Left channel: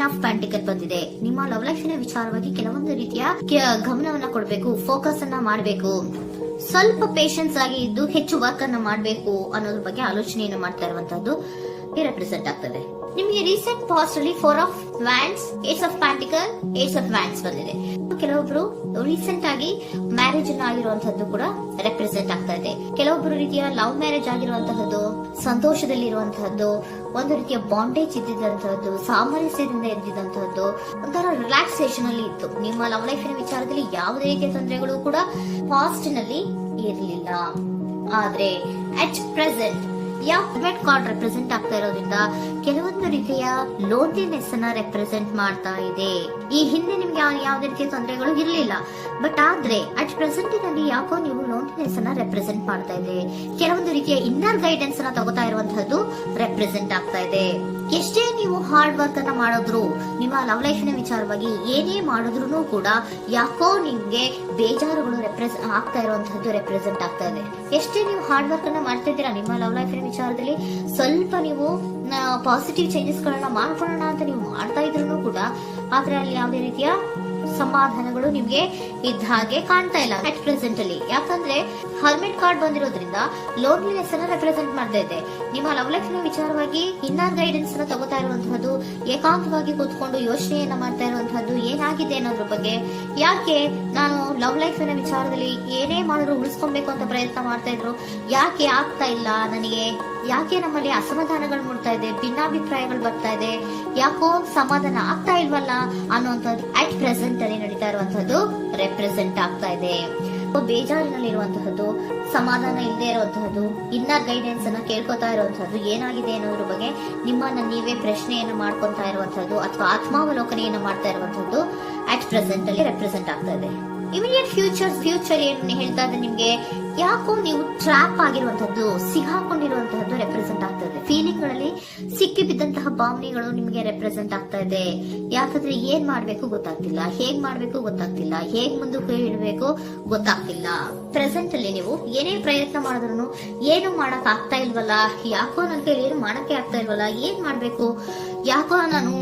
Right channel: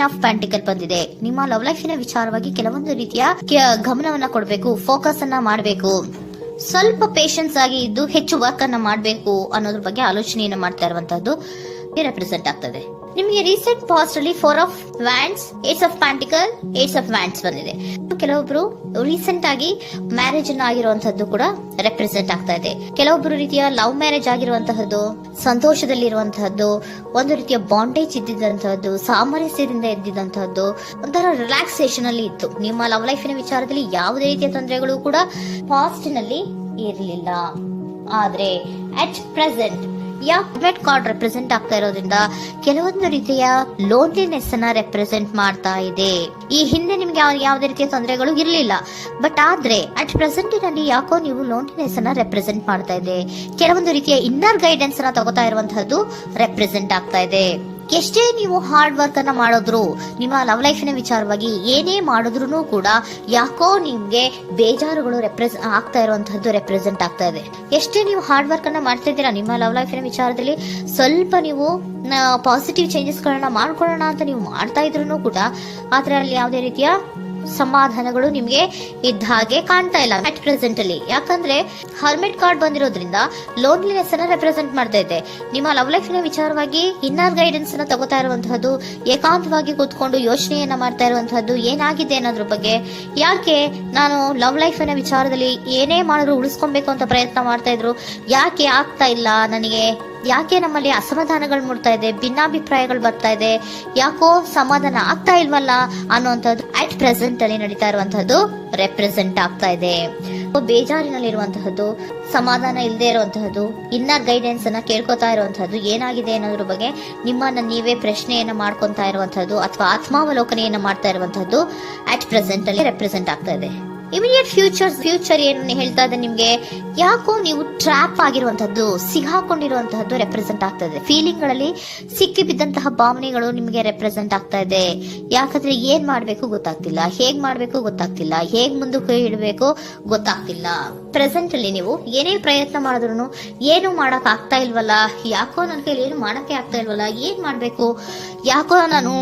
Queen of ಪ್ಯಾಂಟಿಕಲ್ ಬಂದಿದೆ. ನಿಮ್ಮ love ಲೈಫಿನ ವಿಚಾರವಾಗಿ ಕೆಲವೊಂದು ರೀತಿಯ ಗಮನವನ್ನ ಕೊಡಬೇಕು, ಫೋಕಸ್ ಅನ್ನ ಮಾಡಬೇಕು, ಸ್ವಲ್ಪ ಪೇಷನ್ಸ್ ಆಗಿ ಇದ್ದು ಹೆಚ್ಚು ವರ್ಕ್ ಅನ್ನ ಮಾಡಬೇಕು ಅನ್ನೋದ್ರ ಬಗ್ಗೆ ಆಲೋಚನೆಯನ್ನು ಮಾಡ್ತಾ ಇರುವಂತದ್ದು ರೆಪ್ರೆಸೆಂಟ್ ಆಗ್ತದೆ. ನಿಮಗೆ ರೀಸೆಂಟ್ ಪಾಸ್ಟ್ ಅಲ್ಲಿ 4 of wands, 8 of pentacle, 8 of wands ಬಂದಿದೆ. ಕೆಲವೊಬ್ರು ರೀಸೆಂಟ್ ಆಗಿ ಮ್ಯಾರೇಜ್ ಅನ್ನ ಆಗಿರುವಂತದ್ದು ಕೂಡ ರೆಪ್ರೆಸೆಂಟ್ ಆಗ್ತಾ ಇದೆ. ಕೆಲವೊಬ್ರು ರೀತಿಯ ಲವ್ ಮ್ಯಾರೇಜ್ ಆಗಿರುವಂತಹದ್ದು, ಸಂತೋಷದಲ್ಲಿರುವಂತಹದ್ದು, ಒಂದು ರೀತಿಯ ಬಾಂಡೇಜ್ ಇದ್ದಿದ್ದಂತಹದ್ದು, ಸಾಮರಸ್ಯದಿಂದ ಇದ್ದಿದ್ದಂತಹದ್ದು, ಒಂಥರ ರಿಲ್ಯಾಕ್ಸೇಷನ್ ಅಲ್ಲಿ ಇತ್ತು. ನಿಮ್ಮ ಲವ್ ಲೈಫಿನ ವಿಚಾರದಲ್ಲಿ ಯಾವುದೇ ರೀತಿಯ ತೊಂದರೆಗಳು ಕೂಡ ಪಾಸ್ಟ್ ನಲ್ಲಿ ಇರಲಿಲ್ಲ. ಆದ್ರೆ ಅಟ್ ಪ್ರೆಸೆಂಟ್ ಯಾವ ಕಾರ್ಡ್ ರೆಪ್ರೆಸೆಂಟ್ ಆಗ್ತಾ ಇರೋದ್ರಿಂದ ಕೆಲವೊಂದು ರೀತಿಯ ಲೋನ್ಲಿನೆಸ್ ಅನ್ನ ರೆಪ್ರೆಸೆಂಟ್ ಮಾಡ್ತಾ ಇದೆ. ಈ ಹಿಂದೆ ನಿಮ್ಗೆ ಯಾವುದೇ ರೀತಿಯ ತೊಂದರೆಗಳು ಇರಲಿಲ್ಲ, ಬಟ್ ಆದ್ರೆ ಅಟ್ ಪ್ರೆಸೆಂಟ್ ನಲ್ಲಿ ಯಾಕೋ ನೀವು ಲೋನ್ಲಿನೆಸ್ ಅನ್ನ ರೆಪ್ರೆಸೆಂಟ್ ಮಾಡ್ತಾ ಇದೆ. ಕೆಲವೊಂದು ರೀತಿಯ ಇನ್ನರ್ ಗೈಡೆನ್ಸ್ ಅನ್ನ ತಗೋತಾ ಇರುವಂತಹದ್ದು ರೆಪ್ರೆಸೆಂಟ್ ಆಗ್ತಾ ಇದೆ. ಎಷ್ಟೇ ನೀವು ಹಾರ್ಡ್ ವರ್ಕ್ ಅನ್ನ ಮಾಡೋದ್ರು, ನಿಮ್ಮ ಲವ್ ಲೈಫಿನ ವಿಚಾರವಾಗಿ ಏನೇ ಮಾಡಿದ್ರು ಕೂಡ ಯಾಕೋ ನಿಮ್ಗೆ ಬೇಜಾರುಗಳು ಆಗ್ತಾ ಇರುವಂತಹದ್ದು ರೆಪ್ರೆಸೆಂಟ್ ಆಗ್ತಾ ಇದೆ. ಎಷ್ಟೇ ನೀವು ಹಾರ್ಡ್ ವರ್ಕ್ ಅನ್ನ ಮಾಡ್ತಾ ಇದ್ದೀರಾ ನಿಮ್ಮ ಲವ್ ಲೈಫಿನ ವಿಚಾರದಲ್ಲಿ, ಸ್ವಲ್ಪ ನೀವು ಪಾಸಿಟಿವ್ ಚೇಂಜಸ್ ಗಳನ್ನ ಮಾಡ್ಕೊಳ್ಳೋಣ ಅಂತ ನೀವು ಮಾಡ್ತಾ ಇದ್ರು ಕೂಡ ಅದರಲ್ಲಿ ಯಾವುದೇ ರೀತಿಯ ಸಮಾಧಾನಗಳು ನಿಮ್ಗೆ ಇದ್ದ ಹಾಗೆ ಕಾಣ್ತಾ ಇಲ್ಲ ಅಟ್ ಪ್ರೆಸೆಂಟ್ ಅಲ್ಲಿ. ಯಾಕಂದ್ರೆ ಹರ್ಮಿಟ್ ಕಾರ್ಡ್ ಬಂದಿರೋದ್ರಿಂದ ಲೋನ್ಲಿನೆಸ್ ಅನ್ನ ರೆಪ್ರೆಸೆಂಟ್ ಮಾಡ್ತಾ ಇದೆ. ನಿಮ್ಮ ಲವ್ ಲೈಫಿನ ವಿಚಾರವಾಗಿ ಇನ್ನರ್ ಗೈಡೆನ್ಸ್ ಅನ್ನ ತಗೋತಾ ಇರುವಂತಹದ್ದು, ಏಕಾಂತವಾಗಿ ಕೂತ್ಕೊಂಡು ಯೋಚನೆಯನ್ನ ಮಾಡ್ತಾ ಇರುವಂತಹದ್ದು, ಏನಾಗಿದೆ ಅನ್ನೋದ್ರ ಬಗ್ಗೆ. ಯಾಕೆ ನಾನು ಲವ್ ಲೈಫ್ ನ ವಿಚಾರದಲ್ಲಿ ಏನೇ ಮಾಡಿದ್ರು ಉಳಿಸ್ಕೊಬೇಕು ಅಂತ ಪ್ರಯತ್ನ ಮಾಡ್ತಾ ಇದ್ರು, ಯಾಕೆ ಆಗ್ತಾ ಇಲ್ಲ ನನಗೆ, ಯಾಕೆ ನಮ್ಮಲ್ಲಿ ಅಸಮಾಧಾನಗಳು ಮೂಡ್ತಾ ಇದೆ, ಭಿನ್ನಾಭಿಪ್ರಾಯಗಳು ಬರ್ತಾ ಇದೆ, ಯಾಕೋ ಸಮಾಧಾನ ಆಗ್ತಾ ಇಲ್ವಲ್ಲ ಅನ್ನುವಂಥದ್ದು ಅಟ್ ಪ್ರೆಸೆಂಟ್ ಅಲ್ಲಿ ನಡೀತಾ ಇರುವಂತಹದ್ದು ರೆಪ್ರೆಸೆಂಟ್ ಆಗ್ತಾ ಇದೆ. ಬೇಜಾರಿನಲ್ಲಿರುವಂತಹದ್ದು, ಸಮಾಧಾನ ಇಲ್ಲದೆ ಇರುವಂತಹದ್ದು, ಇನ್ನರ್ ಗೈಡೆನ್ಸ್ ಅನ್ನ ಕೇಳ್ಕೊತಾ ಇರುವಂತಹದ್ದು, ಏನಾಗಿದೆ ಅನ್ನೋದ್ರ ಬಗ್ಗೆ ನಿಮ್ಮನ್ನ ನೀವೇ ಪ್ರಶ್ನೆಯನ್ನ ಮಾಡ್ಕೊಂತಾ ಇರುವಂತಹದ್ದು ಅಥವಾ ಆತ್ಮಾವಲೋಕನೆಯನ್ನ ಮಾಡ್ತಾ ಇರುವಂತಹದ್ದು ಅಟ್ ಪ್ರೆಸೆಂಟ್ ಅಲ್ಲಿ ರೆಪ್ರೆಸೆಂಟ್ ಆಗ್ತಾ ಇದೆ. ಇಮಿಡಿಯೇಟ್ ಫ್ಯೂಚರ್ ಏನು ಹೇಳ್ತಾ ಇದೆ ನಿಮ್ಗೆ, ಯಾಕೋ ನೀವು ಟ್ರ್ಯಾಪ್ ಆಗಿರುವಂತಹದ್ದು, ಸಿಗಾಕೊಂಡಿರುವಂತಹದ್ದು ರೆಪ್ರೆಸೆಂಟ್ ಆಗ್ತಾ ಇದೆ. ಫೀಲಿಂಗ್ ಗಳಲ್ಲಿ ಸಿಕ್ಕಿ ಬಿದ್ದಂತಹ ಭಾವನೆಗಳು ನಿಮ್ಗೆ ರೆಪ್ರೆಸೆಂಟ್ ಆಗ್ತಾ ಇದೆ. ಯಾಕಂದ್ರೆ ಏನ್ ಮಾಡ್ಬೇಕು ಗೊತ್ತಾಗ್ತಿಲ್ಲ, ಹೇಗ್ ಮಾಡ್ಬೇಕು ಗೊತ್ತಾಗ್ತಿಲ್ಲ, ಹೇಗ್ ಮುಂದಕ್ಕೆ ಇಡಬೇಕು ಗೊತ್ತಾಗ್ತಿಲ್ಲ. ಪ್ರೆಸೆಂಟ್ ಅಲ್ಲಿ ನೀವು ಏನೇ ಪ್ರಯತ್ನ ಮಾಡಿದ್ರು ಏನು ಮಾಡಕ್ ಆಗ್ತಾ ಇಲ್ವಲ್ಲ, ಯಾಕೋ ನನ್ನ ಕೈಲಿ ಏನು ಮಾಡಕ್ಕೆ ಆಗ್ತಾ ಇಲ್ವಲ್ಲ, ಏನ್ ಮಾಡ್ಬೇಕು, ಯಾಕೋ ನಾನು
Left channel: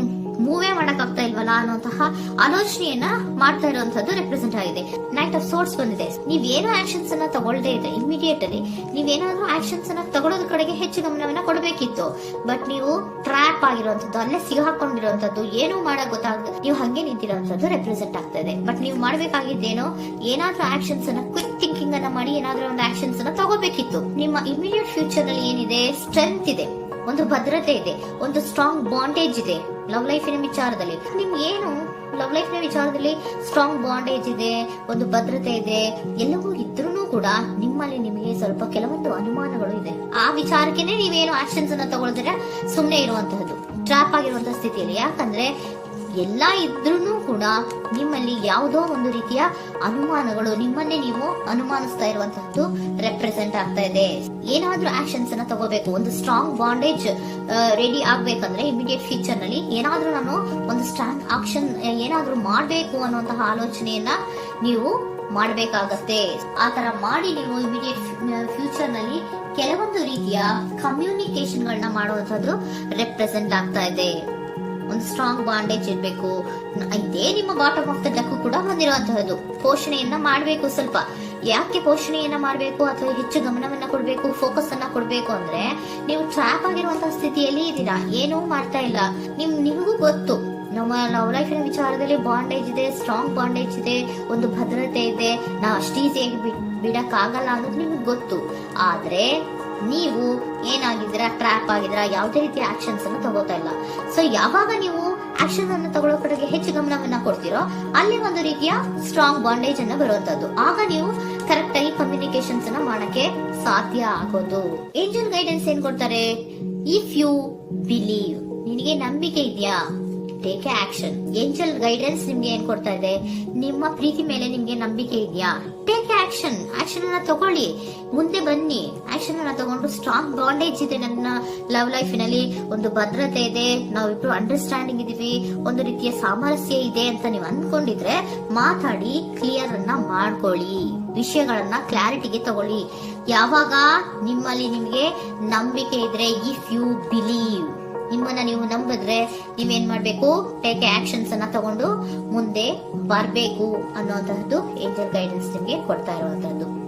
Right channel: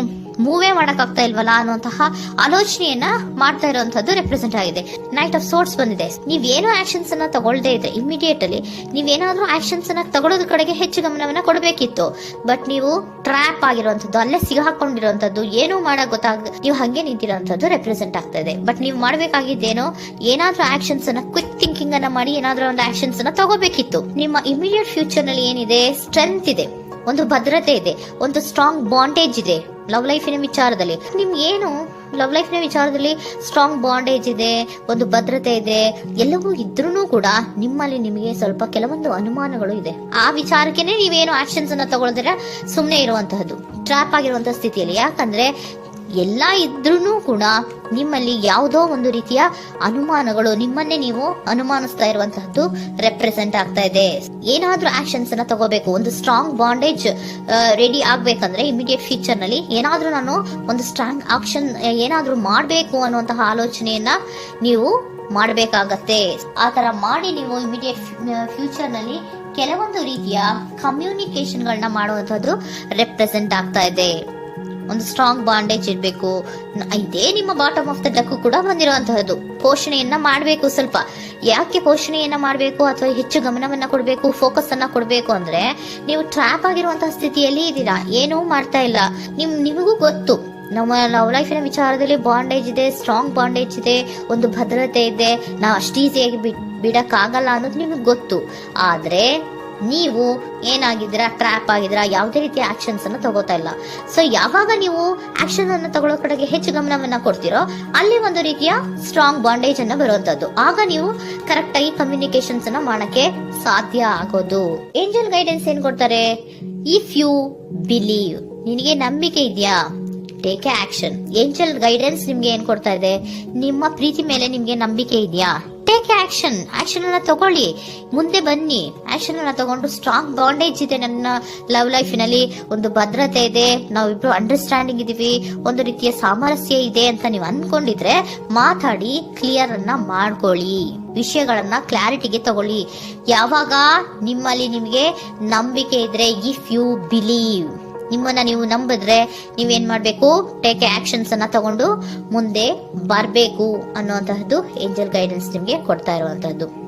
ಮೂವೇ ಮಾಡಕ್ ಆಗ್ತಾ ಇಲ್ವಲ್ಲ ಅನ್ನುವಂತಹ ಆಲೋಚನೆಯನ್ನ ಮಾಡ್ತಾ ಇರುವಂತದ್ದು ರೆಪ್ರೆಸೆಂಟ್ ಆಗಿದೆ. ನೈಟ್ ಆಫ್ ಸೋರ್ಟ್ಸ್ ಬಂದಿದೆ. ನೀವೇನೋ ಆಕ್ಷನ್ಸ್ ಅನ್ನ ತಗೊಳ್ದೇ ಇದ್ರೆ ಇಮಿಡಿಯೇಟ್ ಅಲ್ಲಿ ನೀವೇನಾದ್ರೂ ಆಕ್ಷನ್ಸ್ ಅನ್ನ ತಗೊಳ್ಳೋದ್ರ ಕಡೆಗೆ ಹೆಚ್ಚು ಗಮನವನ್ನ ಕೊಡಬೇಕಿತ್ತು. ಬಟ್ ನೀವು ಟ್ರ್ಯಾಪ್ ಆಗಿರುವಂತದ್ದು, ಅಲ್ಲೇ ಸಿಗಾಕೊಂಡಿರುವಂತದ್ದು, ಏನು ಮಾಡಕ್ ಗೊತ್ತಾಗದೆ ನೀವು ಹಂಗೆ ನಿಂತಿರುವಂತದ್ದು ರೆಪ್ರೆಸೆಂಟ್ ಆಗ್ತಾ ಇದೆ. ಬಟ್ ನೀವು ಮಾಡ್ಬೇಕಾಗಿದ್ದೇನೋ ಏನಾದ್ರೂ ಆಕ್ಷನ್ಸ್ ಅನ್ನ ಕ್ವಿಕ್ ಥಿಂಕಿಂಗ್ ಅನ್ನ ಮಾಡಿ ಏನಾದ್ರೂ ಒಂದು ಆಕ್ಷನ್ಸ್ ಅನ್ನ ತಗೋಬೇಕಿತ್ತು. ನಿಮ್ಮ ಇಮಿಡಿಯೇಟ್ ಫ್ಯೂಚರ್ ನಲ್ಲಿ ಏನಿದೆ, ಸ್ಟ್ರೆಂತ್ ಇದೆ, ಒಂದು ಭದ್ರತೆ ಇದೆ, ಒಂದು ಸ್ಟ್ರಾಂಗ್ ಬಾಂಡೇಜ್ ಇದೆ. ಲವ್ ಲೈಫಿನ ವಿಚಾರದಲ್ಲಿ ನಿಮ್ಗೆ ಏನು ಲವ್ ಲೈಫಿನ ವಿಚಾರದಲ್ಲಿ ಸ್ಟ್ರಾಂಗ್ ಬಾಂಡೇಜ್ ಇದೆ, ಒಂದು ಭದ್ರತೆ ಇದೆ, ಎಲ್ಲವೂ ಇದ್ರೂ ಕೂಡ ನಿಮ್ಮಲ್ಲಿ ನಿಮಗೆ ಸ್ವಲ್ಪ ಕೆಲವೊಂದು ಅನುಮಾನಗಳು ಇದೆ. ಆ ವಿಚಾರಕ್ಕೆನೆ ನೀವೇನು ಆಕ್ಷನ್ಸ್ ಅನ್ನ ತಗೊಳ್ದಿರ ಸುಮ್ನೆ ಇರುವಂತಹದ್ದು, ಟ್ರ್ಯಾಪ್ ಆಗಿರುವಂತಹ ಸ್ಥಿತಿಯಲ್ಲಿ. ಯಾಕಂದ್ರೆ ಎಲ್ಲ ಇದ್ರೂ ಕೂಡ ನಿಮ್ಮಲ್ಲಿ ಯಾವುದೋ ಒಂದು ರೀತಿಯ ಅನುಮಾನಗಳು, ನಿಮ್ಮನ್ನೇ ನೀವು ಅನುಮಾನಿಸ್ತಾ ಇರುವಂತಹದ್ದು ರೆಪ್ರೆಸೆಂಟ್ ಆಗ್ತಾ ಇದೆ. ಏನಾದ್ರೂ ಆಕ್ಷನ್ಸ್ ಅನ್ನ ತಗೋಬೇಕು, ಒಂದು ಸ್ಟ್ರಾಂಗ್ ಬಾಂಡೇಜ್ ರೆಡಿ ಆಗ್ಬೇಕಂದ್ರೆ ಇಮಿಡಿಯೇಟ್ ಫ್ಯೂಚರ್ ನಲ್ಲಿ ಏನಾದ್ರೂ ನಾನು ಒಂದು ಸ್ಟ್ರಾಂಗ್ ಆಕ್ಷನ್ ಏನಾದ್ರೂ ಮಾಡ್ಬೇಕು ಅನ್ನುವಂತಹ ಆಲೋಚನೆಯನ್ನ ನೀವು ಮಾಡಬೇಕಾಗತ್ತೆ. ಆತರ ಮಾಡಿ ನೀವು ಇಮಿಡಿಯೇಟ್ ಫ್ಯೂಚರ್ ನಲ್ಲಿ ಕೆಲವೊಂದು ರೀತಿಯ ಕಮ್ಯುನಿಕೇಶನ್ ಗಳನ್ನ ಮಾಡುವಂತದ್ದು ರೆಪ್ರೆಸೆಂಟ್ ಆಗ್ತಾ ಇದೆ. ಒಂದು ಸ್ಟ್ರಾಂಗ್ ಬಾಂಡೇಜ್ ಇರಬೇಕು. ಇದೇ ನಿಮ್ಮ ಬಾಟಮ್ ಆಫ್ ದ ಡಕ್ ಕೂಡ ಬಂದಿರುವಂತಹದ್ದು. ಪೋಷಣೆಯನ್ನ ಮಾಡಬೇಕು. ಸ್ವಲ್ಪ ಯಾಕೆ ಪೋಷಣೆಯನ್ನ ಮಾಡಬೇಕು ಅಥವಾ ಹೆಚ್ಚು ಗಮನವನ್ನ ಕೊಡಬೇಕು, ಫೋಕಸ್ ಅನ್ನ ಕೊಡಬೇಕು ಅಂದ್ರೆ, ನೀವು ಟ್ರ್ಯಾಪ್ ಆಗಿರುವಂತಹ ಸ್ಥಿತಿಯಲ್ಲಿ ಇದ್ದೀರಾ, ಏನೂ ಮಾಡ್ತಾ ಇಲ್ಲ. ನಿಮಗೂ ಗೊತ್ತು ನಮ್ಮ ಲವ್ ಲೈಫಿನ ವಿಚಾರದಲ್ಲಿ ಬಾಂಡೇಜ್ ಇದೆ, ಸ್ಟ್ರಾಂಗ್ ಬಾಂಡೇಜ್ ಇದೆ, ಒಂದು ಭದ್ರತೆ ಇದೆ, ನಾವು ಅಷ್ಟು ಈಸಿಯಾಗಿ ಬಿಡಕ್ ಆಗಲ್ಲ ಅನ್ನೋದು ನಿಮ್ಗೆ ಗೊತ್ತು. ಆದ್ರೆ ನೀವು ಏನಾಗಿದ್ದೀರಾ, ಟ್ರ್ಯಾಪ್ ಆಗಿದ್ದೀರಾ, ಯಾವುದೇ ರೀತಿಯ ಆಕ್ಷನ್ಸ್ ಅನ್ನು ತಗೋತಾ ಇಲ್ಲ. ಸೊ ಯಾವಾಗ ನೀವು ಆಕ್ಷನ್ ಅನ್ನು ತಗೊಳ್ಳೋ ಕಡೆಗೆ ಹೆಚ್ಚು ಗಮನವನ್ನ ಕೊಡ್ತೀರೋ ಅಲ್ಲಿ ಒಂದು ರೀತಿಯ ಸ್ಟ್ರಾಂಗ್ ಬಾಂಡೇಜ್ ಅನ್ನ ಬರುವಂತದ್ದು. ಆಗ ನೀವು ಕರೆಕ್ಟ್ ಆಗಿ ಕಮ್ಯುನಿಕೇಶನ್ಸ್ ಅನ್ನ ಮಾಡಕ್ಕೆ ಸಾಧ್ಯ ಆಗೋದು. ಏಂಜಲ್ ಗೈಡೆನ್ಸ್ ಏನ್ ಕೊಡ್ತಾರೆ, ಇಫ್ ಯು ಬಿಲೀವ್, ನಿನಗೆ ನಂಬಿಕೆ ಇದೆಯಾ, ಟೇಕ್ ಆಕ್ಷನ್. ಏಂಜಲ್ ಗೈಡೆನ್ಸ್ ನಿಮ್ಗೆ ಏನ್ ಕೊಡ್ತಾ ಇದೆ, ನಿಮ್ಮ ಪ್ರೀತಿ ಮೇಲೆ ನಿಮ್ಗೆ ನಂಬಿಕೆ ಇದೆಯಾ, ಟೇಕ್ ಆಕ್ಷನ್. ಆಕ್ಷನ್ ಅನ್ನ ತಗೊಳ್ಳಿ, ಮುಂದೆ ಬನ್ನಿ. ಆಕ್ಷನ್ ಅನ್ನ ತಗೊಂಡು ಸ್ಟ್ರಾಂಗ್ ಬಾಂಡೇಜ್ ಇದೆ ನನ್ನ ಲವ್ ಲೈಫಿನಲ್ಲಿ, ಒಂದು ಭದ್ರತೆ ಇದೆ, ನಾವಿಬ್ರು ಅಂಡರ್ಸ್ಟ್ಯಾಂಡಿಂಗ್ ಇದೀವಿ, ಒಂದು ರೀತಿಯ ಸಾಮರಸ್ಯ ಇದೆ ಅಂತ ನೀವು ಅನ್ಕೊಂಡಿದ್ರೆ ಮಾತಾಡಿ ಕ್ಲಿಯರ್ ಅನ್ನ ಮಾಡ್ಕೊಳ್ಳಿ, ವಿಷಯಗಳನ್ನ ಕ್ಲಾರಿಟಿಗೆ ತಗೊಳ್ಳಿ. ಯಾವಾಗ ನಿಮ್ಮಲ್ಲಿ ನಿಮ್ಗೆ ನಂಬಿಕೆ ಇದ್ರೆ, ಇಫ್ ಯು ಬಿಲೀವ್, ನಿಮ್ಮನ್ನ ನೀವು ನಂಬಿದ್ರೆ ನೀವೇನ್ ಮಾಡ್ಬೇಕು, ಟೇಕ್ ಆಕ್ಷನ್ಸ್ ಅನ್ನ ತಗೊಂಡು ಮುಂದೆ ಬರ್ಬೇಕು ಅನ್ನುವಂತಹದ್ದು ಏಂಜಲ್ ಗೈಡೆನ್ಸ್ ನಿಮ್ಗೆ ಕೊಡ್ತಾ ಇರುವಂತಹದ್ದು.